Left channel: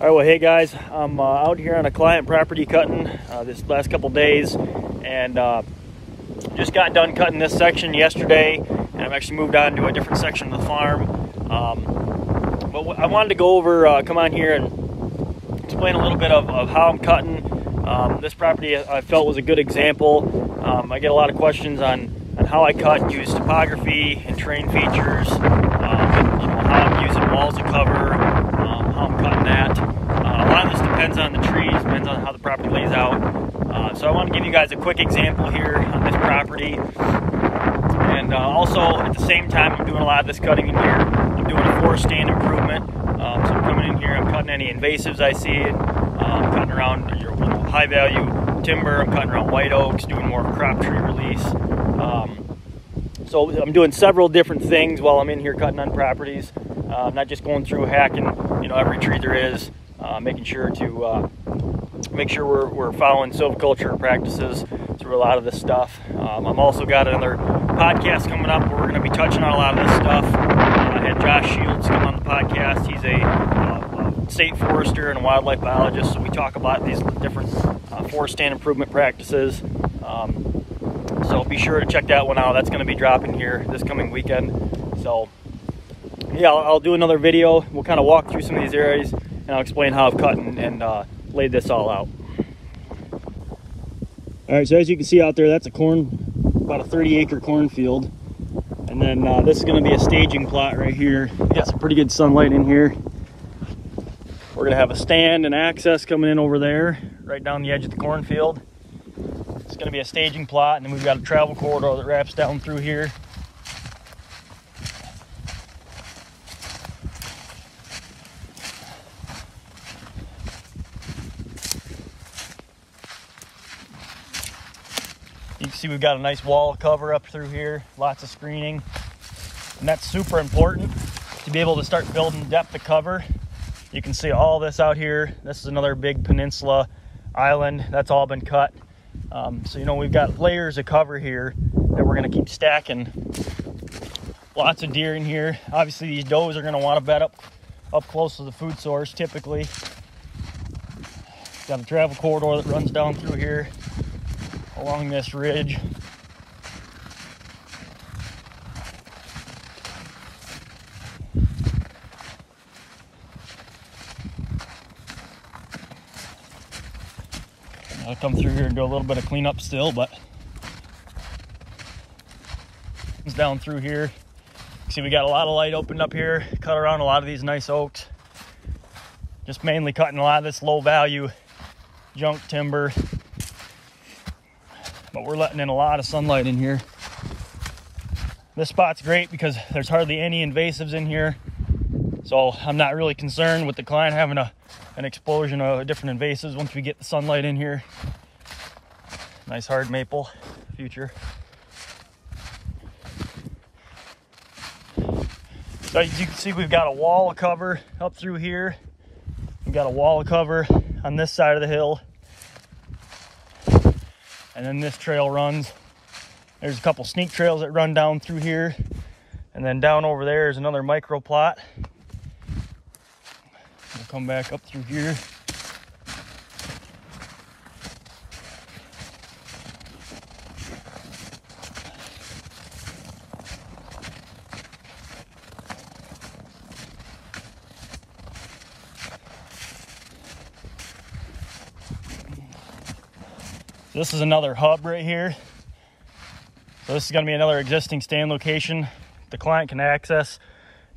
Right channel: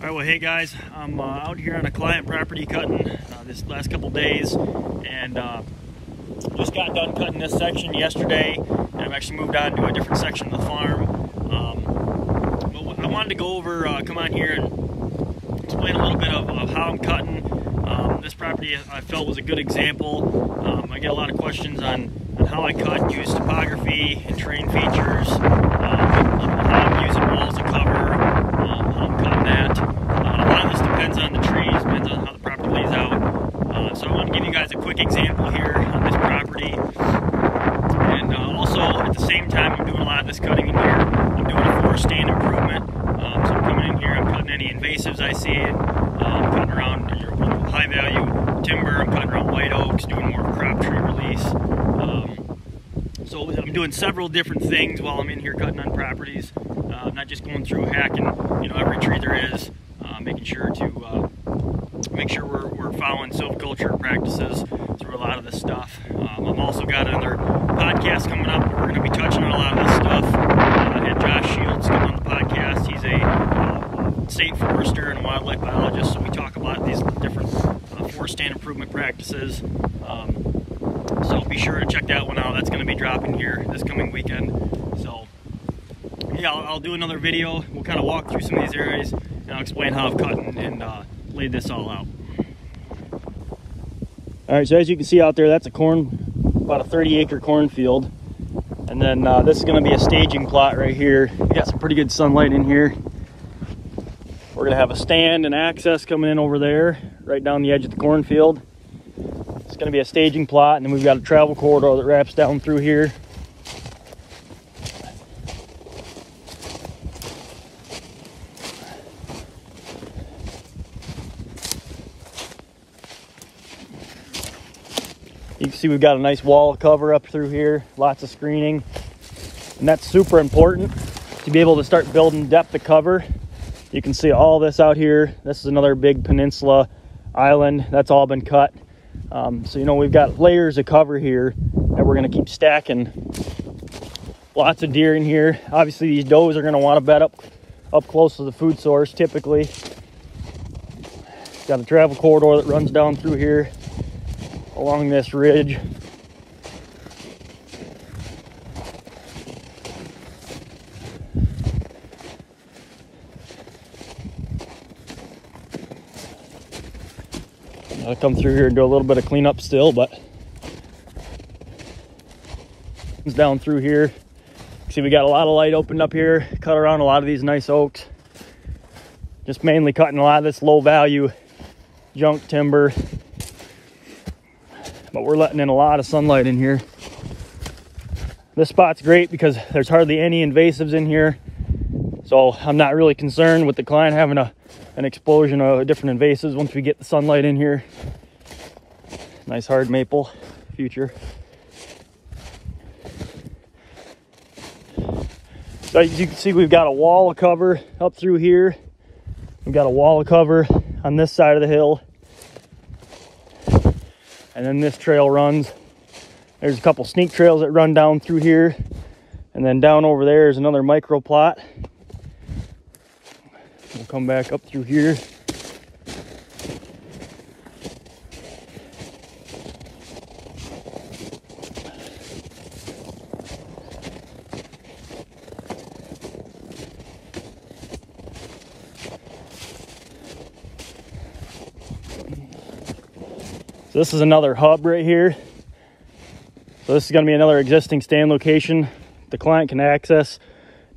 All right, well, hey guys, I'm out here on a client property cutting this last couple days, and just got done cutting this section yesterday, and I've actually moved on to a different section of the farm. But I wanted to go over, come on here and explain a little bit of how I'm cutting. This property I felt was a good example. I get a lot of questions on how I cut, use topography and terrain features, how I'm using walls of cover, how I'm cutting that. A lot of this depends on the trees, depends on how the property lays out. So I want to give you guys a quick example here on this property. And also at the same time I'm doing a lot of this cutting in here, I'm doing a forest stand improvement. So I'm coming in here, I'm cutting any invasives I see, I'm cutting around your high value timber, I'm cutting around white oaks, doing more crop tree release. So I'm doing several different things while I'm in here cutting on properties. Not just going through hacking, every tree there is, making sure to make sure we're following silviculture practices through a lot of this stuff. I'm also got another podcast coming up where we're going to be touching on a lot of this stuff. I had Josh Shields come on the podcast. He's a state forester and wildlife biologist, so we talk about these different forest stand improvement practices. So be sure to check that one out. That's going to be dropping here this coming weekend. So yeah, I'll do another video. We'll kind of walk through some of these areas and I'll explain how I've cut and laid this all out. All right, so as you can see out there, that's about a 30-acre cornfield. And then this is going to be a staging plot right here. We got some pretty good sunlight in here. We're going to have a stand and access coming in over there, right down the edge of the cornfield. It's going to be a staging plot, and then we've got a travel corridor that wraps down through here. You can see we've got a nice wall cover up through here, lots of screening, and that's super important to be able to start building depth of cover. You can see all this out here. This is another big peninsula island that's all been cut. So we've got layers of cover here that we're going to keep stacking. Lots of deer in here. Obviously these does are going to want to bed up close to the food source typically. Got a travel corridor that runs down through here along this ridge. I'll come through here and do a little bit of cleanup still, but it's down through here. See, we got a lot of light opened up here, cut around a lot of these nice oaks. Just mainly cutting a lot of this low value junk timber, but we're letting in a lot of sunlight in here. This spot's great because there's hardly any invasives in here, so I'm not really concerned with the client having an explosion of different invasives once we get the sunlight in here. Nice hard maple future. So you can see we've got a wall of cover up through here. We've got a wall of cover on this side of the hill. And then this trail runs. There's a couple sneak trails that run down through here. And then down over there is another micro plot. We'll come back up through here. So this is another hub right here. So this is going to be another existing stand location. The client can access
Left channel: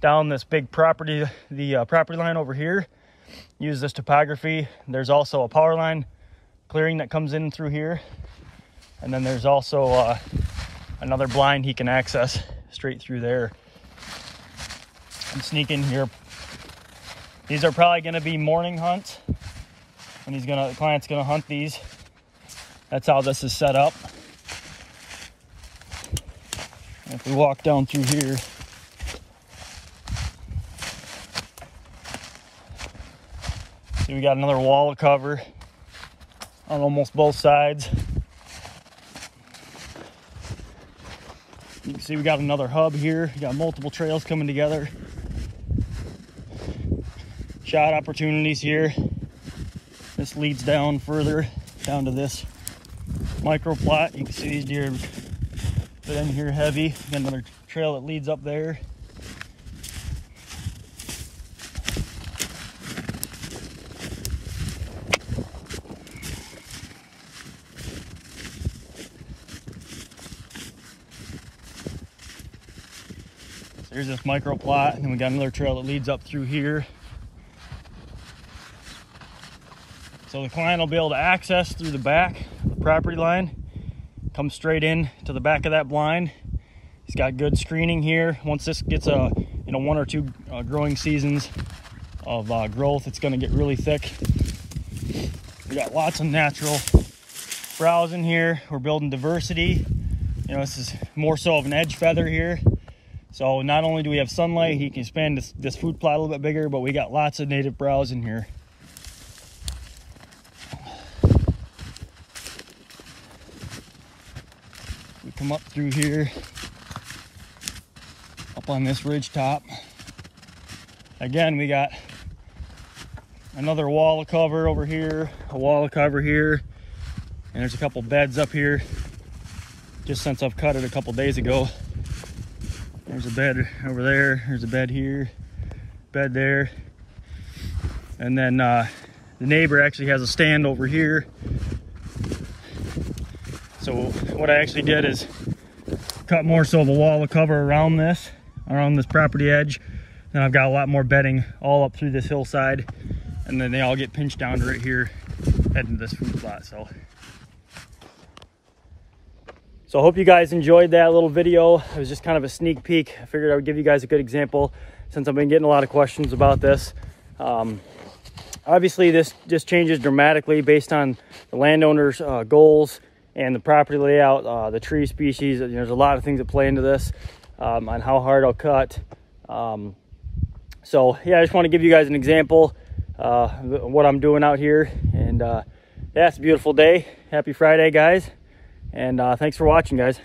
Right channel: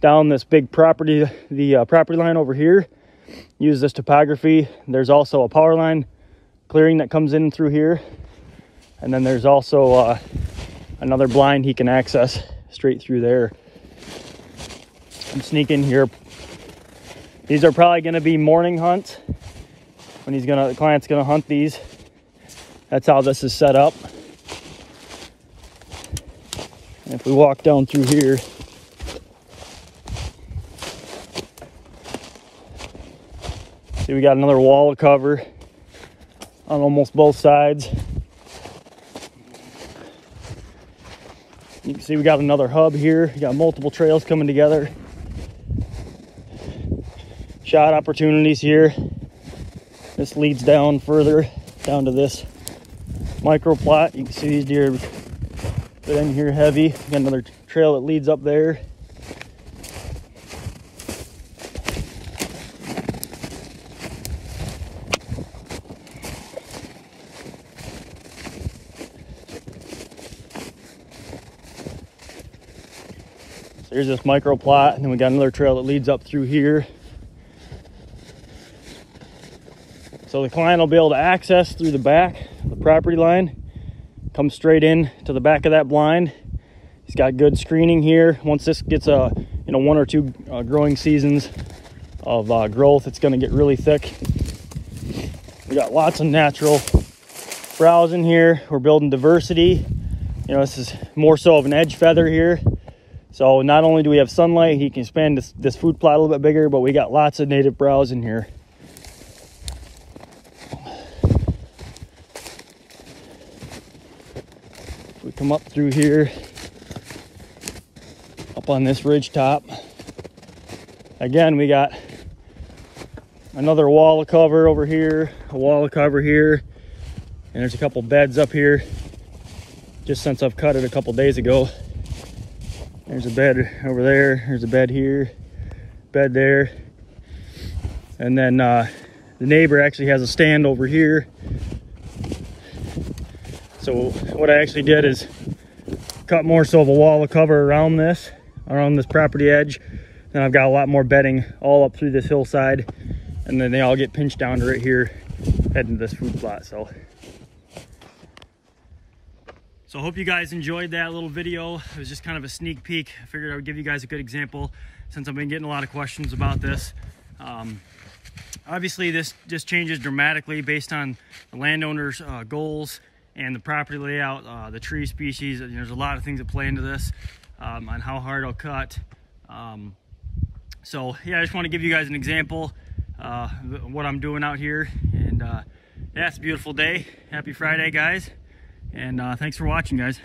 down this big property, the property line over here. Use this topography. There's also a power line clearing that comes in through here. And then there's also another blind he can access straight through there. And sneak in here. These are probably going to be morning hunts when the client's going to hunt these. That's how this is set up. And if we walk down through here, see we got another wall of cover on almost both sides. You can see we got another hub here. We got multiple trails coming together. shot opportunities here. This leads down further, down to this micro plot. You can see these deer get in here heavy. Got another trail that leads up there. There's this micro plot, and then we got another trail that leads up through here. So the client will be able to access through the back of the property line, come straight in to the back of that blind. He's got good screening here. Once this gets a 1 or 2 growing seasons of growth, it's going to get really thick. We got lots of natural browse in here. We're building diversity. You know, this is more so of an edge feather here. So not only do we have sunlight, he can expand this food plot a little bit bigger, but we got lots of native browse in here. We come up through here, up on this ridge top. Again, we got another wall of cover over here, a wall of cover here, and there's a couple beds up here just since I've cut it a couple days ago. There's a bed over there, there's a bed here, bed there, and then the neighbor actually has a stand over here. So what I actually did is cut more so of a wall of cover around this property edge. Then I've got a lot more bedding all up through this hillside, and then they all get pinched down to right here, heading to this food plot. So I hope you guys enjoyed that little video. It was just kind of a sneak peek. I figured I would give you guys a good example since I've been getting a lot of questions about this. Obviously this just changes dramatically based on the landowner's goals and the property layout, the tree species. There's a lot of things that play into this, on how hard I'll cut. So yeah, I just want to give you guys an example of what I'm doing out here. And yeah, it's a beautiful day. Happy Friday, guys. And thanks for watching, guys.